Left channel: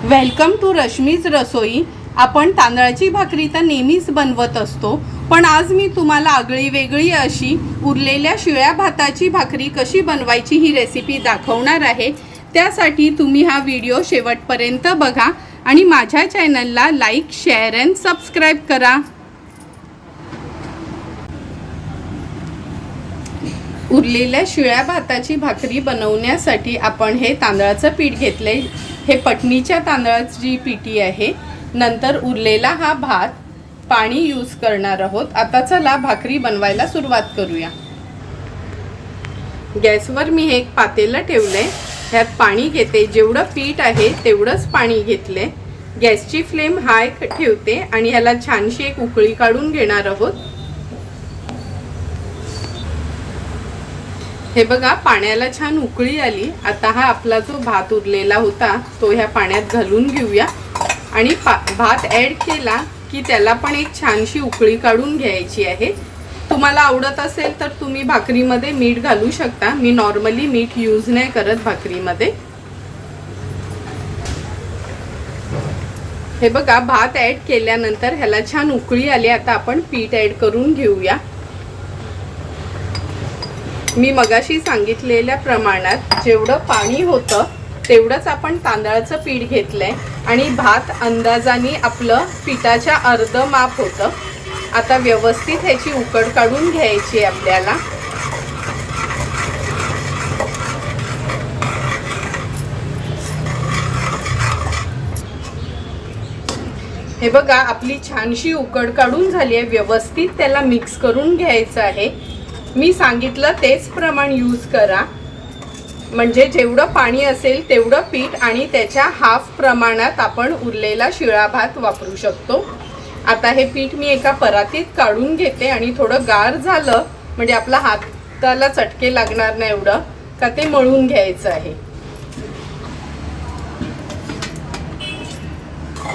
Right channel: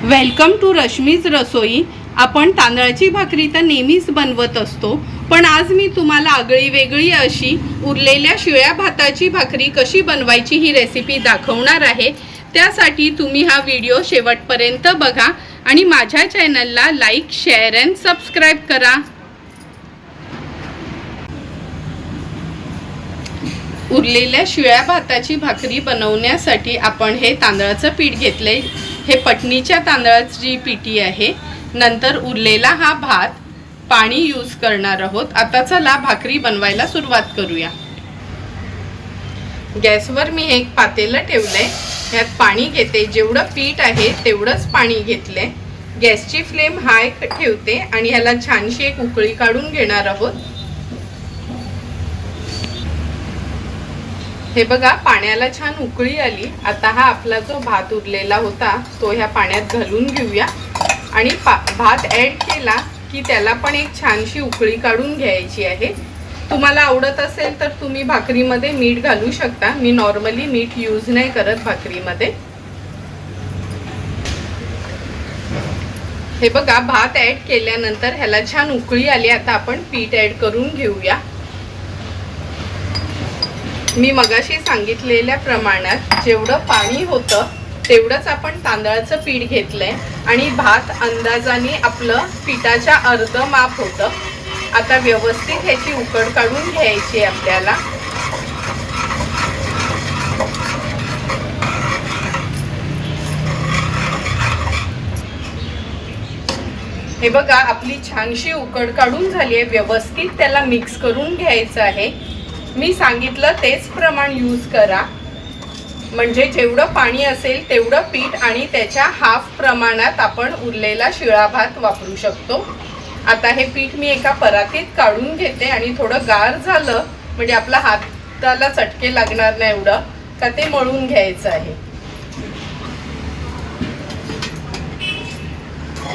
Welcome to Rashmi's रसोई। आपण तांदळाची भाकरी तर नेहमीच बनवत असतो, पण आज मी तुम्हाला आगळी वेगळी अशी उरलेल्या शिळ्या भाताची भाकरी कशी बनवायची ही रेसिपी दाखवणार आहे। त्यासाठी तुम्ही हा व्हिडिओ शेवटपर्यंत बघा आणि माझ्या चॅनलला लाईक, शेअर अँड सबस्क्राइब करा। उरलेल्या शिळ्या भाताची भाकरी बनवण्यासाठी आपण हे तांदळाचं पीठ घेतले। हे पटणीच्या तांदळाची पिठी आहे। नंतर उरलेला हा भात पाणी यूज करणार आहोत। आता चला भाकरी बनवायला सुरुवात करूया। गॅसवर मी एक पातेलं ठेवले, यात पाणी घेते। जेवढं पीठ आहे तेवढंच पाणी घेतले। गॅसची फ्लेम हाय ठेवते आणि ह्याला छानशी एक उकळी काढून घेणार आहोत। हे बघा, पाण्याला छान उकळी आली। आता हा आपला जो भात उरलेला होता तो ह्या पाण्यात घालून घेऊया आणि भात ॲड केला की त्याला पण एक छानशी उकळी काढून घ्यायची आहे। तुम्हाला आवडत असेल तर तुम्ही भाकरीमध्ये मीठ घालू शकता। मी नॉर्मली मीठ यूज नाही करत भाकरीमध्ये। हे बघा, भात ॲड केल्यानंतर ह्याला छान उकळी आली। आता आपण पीठ ॲड करून घेऊया। मी मगाशी सांगितलेल्या प्रमाणात जेवढं पाणी होतं तेवढंच आपण तांदळाचं पीठ घेतलंय आणि भात अंदाजाने आपलं पिठाच्या अर्ध माप होतं। आता व्यवस्थित ह्याची उकड काढून घ्यायची आपल्याला। हे बघा, आपली छानशी उकड काढून झाली आहे। व्यवस्थित त्याला मिक्स करून घ्यायचं आहे। मी सांगितलं तेच प्रमाण यूज करा, म्हणजे जेवढं पाणी असेल तेवढं पीठ आणि त्याच्या हाफ प्रमाणात आपण उरलेला शिळा भात वापरू शकतो। आता हे पीठ मी एका परातीत काढून घेते आणि थोडं गार झालं म्हणजे आपला हाताला चटके लागणार नाही एवढं का ते मळून घ्यायचं आहे।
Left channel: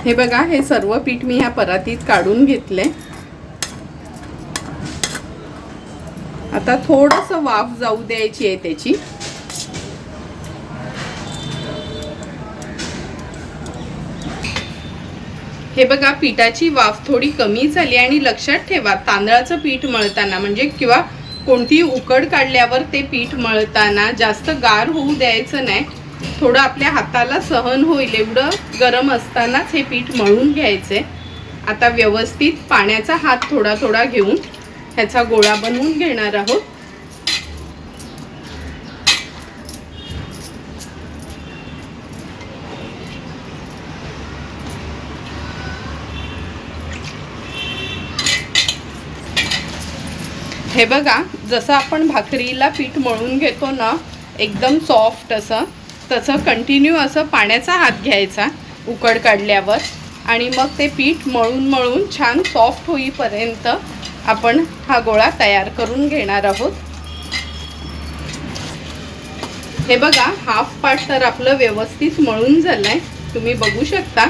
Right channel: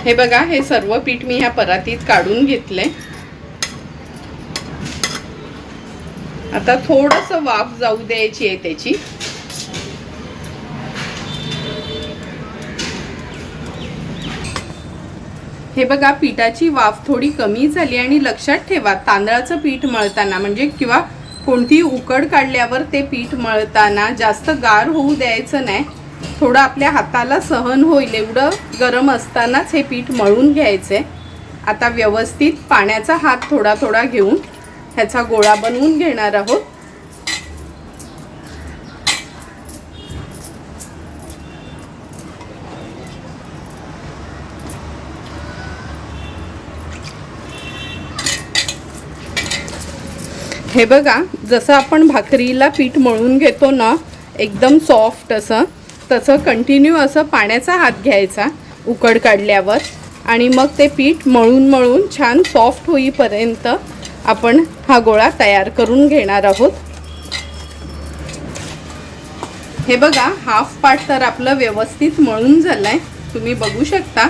हे बघा, हे सर्व पीठ मी ह्या परातीत काढून घेतले। आता थोडंसं वाफ जाऊ द्यायची आहे त्याची। हे बघा, पिठाची वाफ थोडी कमी झाली आणि लक्षात ठेवा, तांदळाचं पीठ मळताना म्हणजे किंवा कोणती उकड काढल्यावर ते पीठ मळताना जास्त गार होऊ द्यायचं नाही। थोडं आपल्या हाताला सहन होईल एवढं गरम असतानाच हे पीठ मळून घ्यायचे। आता व्यवस्थित पाण्याचा हात थोडा थोडा घेऊन ह्याचा गोळा बनवून घेणार आहोत। हे बघा, जसं आपण भाकरीला पीठ मळून घेतो ना एकदम सॉफ्ट असं, तसं कंटिन्यू असं पाण्याचा हात घ्यायचा उकड काढल्यावर आणि मग ते पीठ मळून मळून छान सॉफ्ट होईपर्यंत आपण हा गोळा तयार करून घेणार आहोत। हे बघा, हाफ पार्ट तर आपलं व्यवस्थित मळून झालंय, तुम्ही बघू शकता।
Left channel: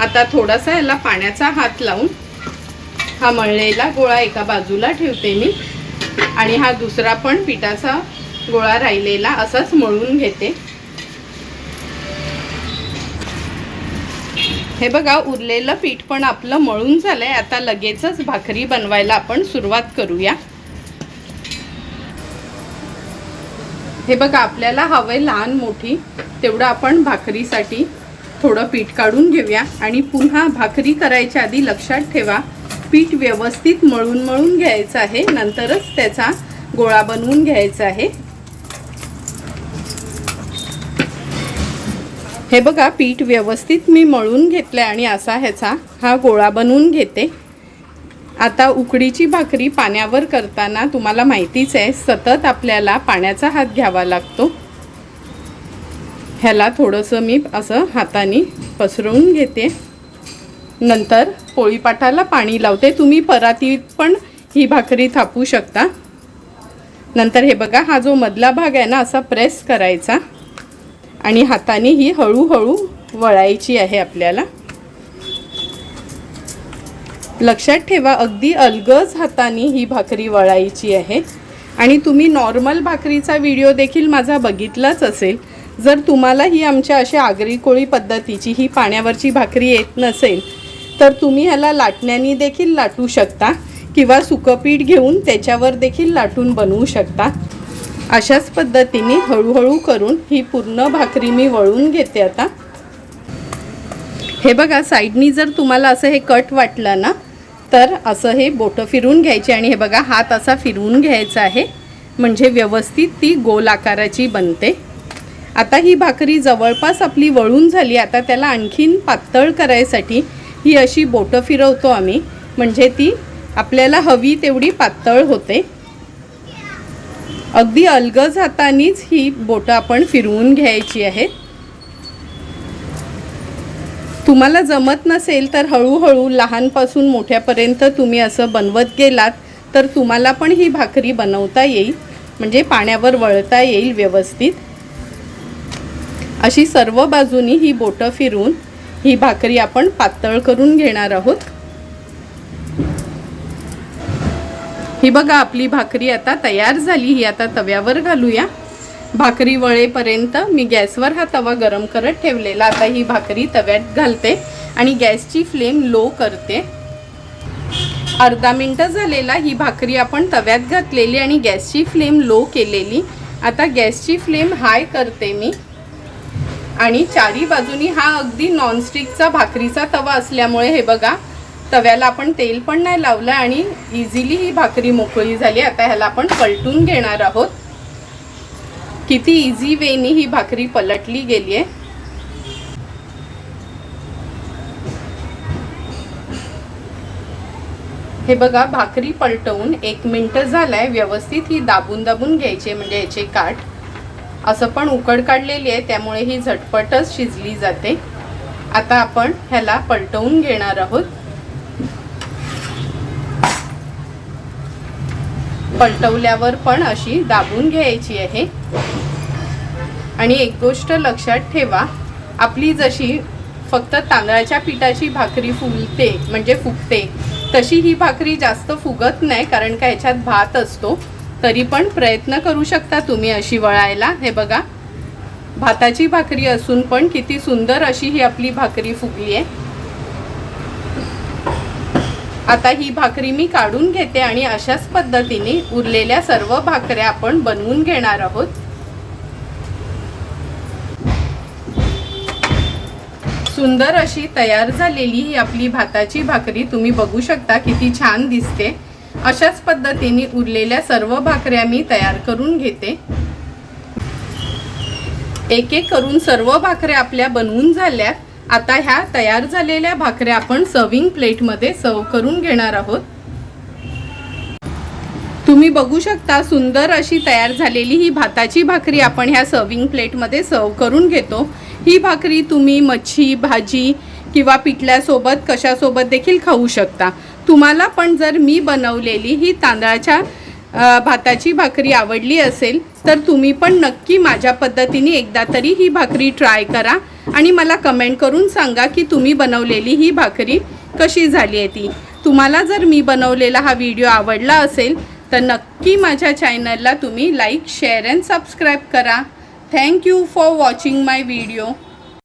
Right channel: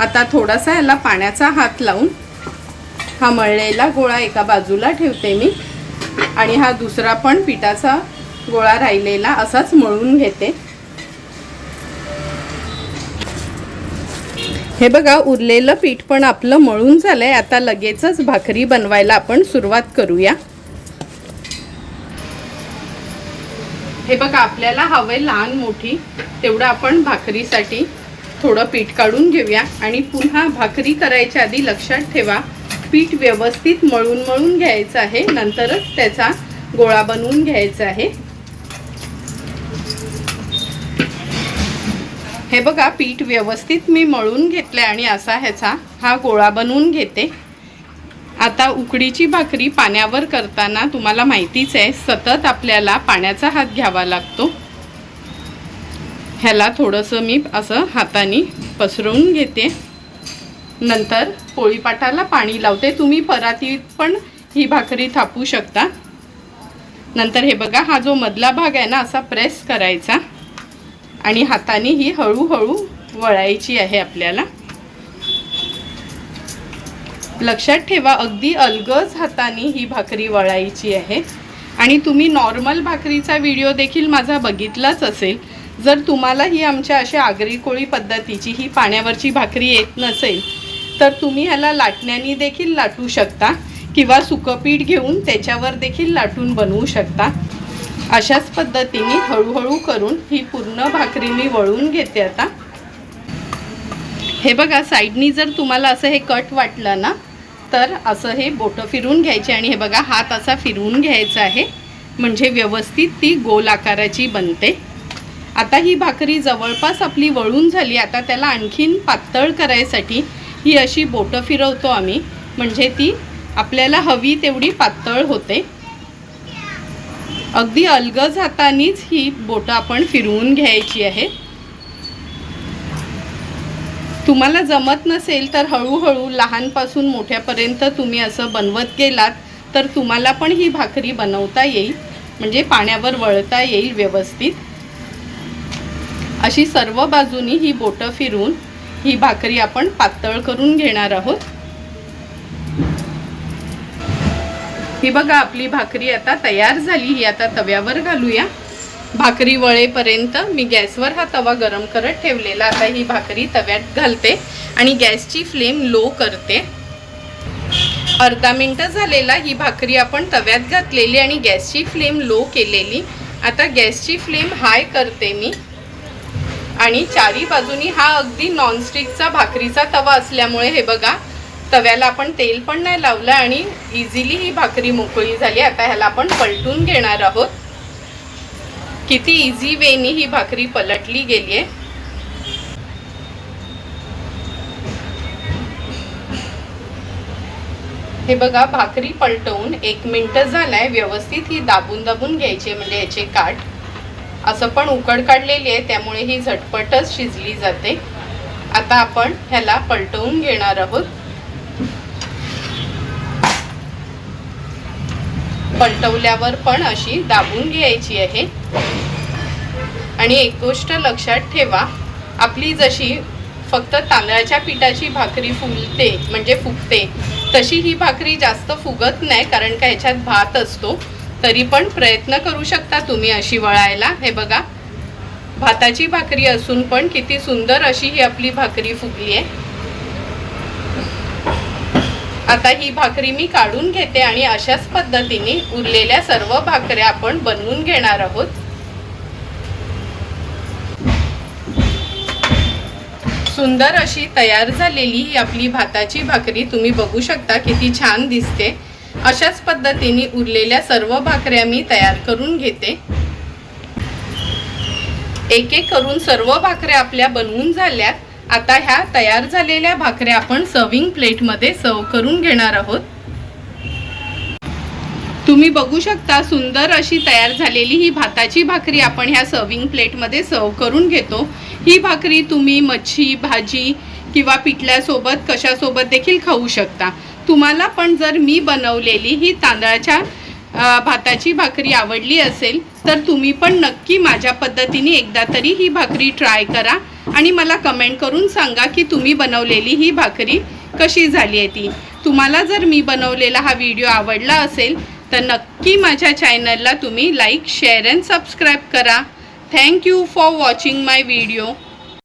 आता थोडासा याला पाण्याचा हात लावून हा मळलेला गोळा एका बाजूला ठेवते मी आणि हा दुसरा पण पिठाचा गोळा राहिलेला असाच मळून घेते। हे बघा, उरलेलं पीठ पण आपलं मळून झालंय। आता लगेचच भाकरी बनवायला आपण सुरुवात करूया। हे बघा, आपल्याला हवंय लहान मोठी तेवढं आपण भाकरीसाठी थोडं पीठ काढून घेऊया आणि पुन्हा भाकरी करायच्या आधी लक्षात ठेवा, पीठ व्यवस्थित मळून मळून घ्यायचं आहे, नंतरच त्याचा गोळा बनवून घ्यायचा आहे। हे बघा, पीठ व्यवस्थित मी मळून घेतले आणि असा ह्याचा हा गोळा बनवून घेते। आता उकडीची भाकरी पाण्यावर करताना तुम्हाला माहितीच आहे, सतत आपल्याला पाण्याचा हात घ्यावा लागतो। ह्याला थोडंसं मी असं हाताने पसरवून घेते, नंतर पोळीपाटाला पाणी लावते। तुम्ही परातीत पण ही भाकरी थापू शकता। नंतर हे बघा, हा जो मधला भाग आहे ना असा प्रेस करायचा आणि हाताने ही हळूहळू वळायची आहे आपल्याला। लक्षात ठेवा, अगदी अलगद हाताने ही भाकरी वळायची आहे। आणि तुम्ही नॉर्मल भाकरीचा व्हिडिओ देखील माझा बघितलाच असेल, जर तुम्हाला ही आमच्या अशा आगरी कोळी पद्धतीची ही पाण्यावरची भाकरी येत नसेल तर तुम्ही ह्याला लाटण्याने देखील लाटू शकता किंवा सुकं पीठ घेऊन त्याच्यावर देखील लाटून बनवू शकता। अशाच पद्धतीने हळूहळू करून ही पूर्ण भाकरी मी वळून घेते। आता हे बघा, साईडनी जर तुम्हाला असं हे कट वाटलं ना तर असं हे बोटं फिरवून घ्यायचे आणि हे बघा हात असा फिरवून घ्यायचा आहे, म्हणजे व्यवस्थित ती गोल आकाराची बनते। आता ही भाकरी जवळपास आपली वळून झाली। आता त्याला आणखीन पातळ करायसाठी ही अशी बोटं फिरवतो आम्ही, म्हणजे ती आपल्याला हवी तेवढी पातळ होते। अगदी अलगद हातानेच ही बोटं आपण फिरवून घ्यायची आहे। तुम्हाला जमत नसेल तर हळूहळू लहानपासून मोठ्यापर्यंत तुम्ही असं बनवत गेलात तर तुम्हाला पण ही भाकरी बनवता येईल, म्हणजे पाण्यावर वळता येईल व्यवस्थित। अशी सर्व बाजूनी ही बोटं फिरवून ही भाकरी आपण पातळ करून घेणार आहोत। ही बघा, आपली भाकरी आता तयार झाली। ही आता तव्यावर घालूया। भाकरी वळेपर्यंत मी गॅसवर हा तवा गरम करत ठेवलेला। आता ही भाकरी तव्यात घालते आणि गॅसची फ्लेम लो करते। अर्धा मिनिट झालेला ही भाकरी आपण तव्यात घातलेली आणि गॅसची फ्लेम लो केलेली। आता गॅसची फ्लेम हाय करते मी आणि चारी बाजूनी हा अगदी नॉनस्टिकचा भाकरीचा तवा असल्यामुळे हे बघा, तव्याला आपण तेल पण नाही लावलं आणि इझिली ही भाकरी मोकळी झाली। आता ह्याला आपण पलटून घेणार आहोत। किती इझी वेनी ही भाकरी पलटली गेली आहे। हे बघा, भाकरी पलटवून 1 मिनिट झालाय। व्यवस्थित ही दाबून दाबून घ्यायची, म्हणजे याचे काठ असं पण उकड काढलेली आहे, त्यामुळे ही झटपटच शिजली जाते। आता आपण ह्याला पलटवून घेणार आहोत। पलटवल्यावर पण अशी दाबून घ्यायची आहे। आणि एक गोष्ट लक्षात ठेवा, आपली जशी फक्त तांदळाच्या पिठाची भाकरी फुलते म्हणजे फुगते, तशी ही भाकरी जास्त फुगत नाही, कारण का ह्याच्यात भात असतो। तरी पण प्रयत्न करू शकता तुम्ही अशी वळायला। हे बघा, भाताची भाकरी असून पण किती सुंदर अशी ही आपली भाकरी फुगली आहे। आता ही भाकरी मी काढून घेते आणि अशाच पद्धतीने उरलेल्या सर्व भाकऱ्या आपण बनवून घेणार आहोत। सुंदर अशी तयार झालेली ही आपली भाताची भाकरी तुम्ही बघू शकता, किती छान दिसते। अशाच पद्धतीने उरलेल्या सर्व भाकऱ्या मी तयार करून घेते। एक एक करून सर्व भाकऱ्या आपल्या बनवून झाल्यात। आता ह्या तयार झालेल्या भाकऱ्या आपण सर्विंग प्लेटमध्ये सर्व करून घेणार आहोत। तुम्ही बघू शकता, सुंदर अशी तयार झालेली ही भाताची भाकरी आपण ह्या सर्विंग प्लेटमध्ये सर्व करून घेतो। ही भाकरी तुम्ही मच्छी भाजी किंवा पिठल्यासोबत कशासोबत देखील खाऊ शकता। तुम्हाला पण जर मी बनवलेली ही तांदळाच्या भाताची भाकरी आवडली असेल तर तुम्ही पण नक्की माझ्या पद्धतीने एकदा तरी ही भाकरी ट्राय करा आणि मला कमेंट करून सांगा की तुम्ही बनवलेली ही भाकरी कशी झाली आहे ती। तुम्हाला जर मी बनवलेला हा व्हिडिओ आवडला असेल तर नक्की माझ्या चॅनलला तुम्ही लाईक शेअर अँड सबस्क्राईब करा। Thank you for watching my video.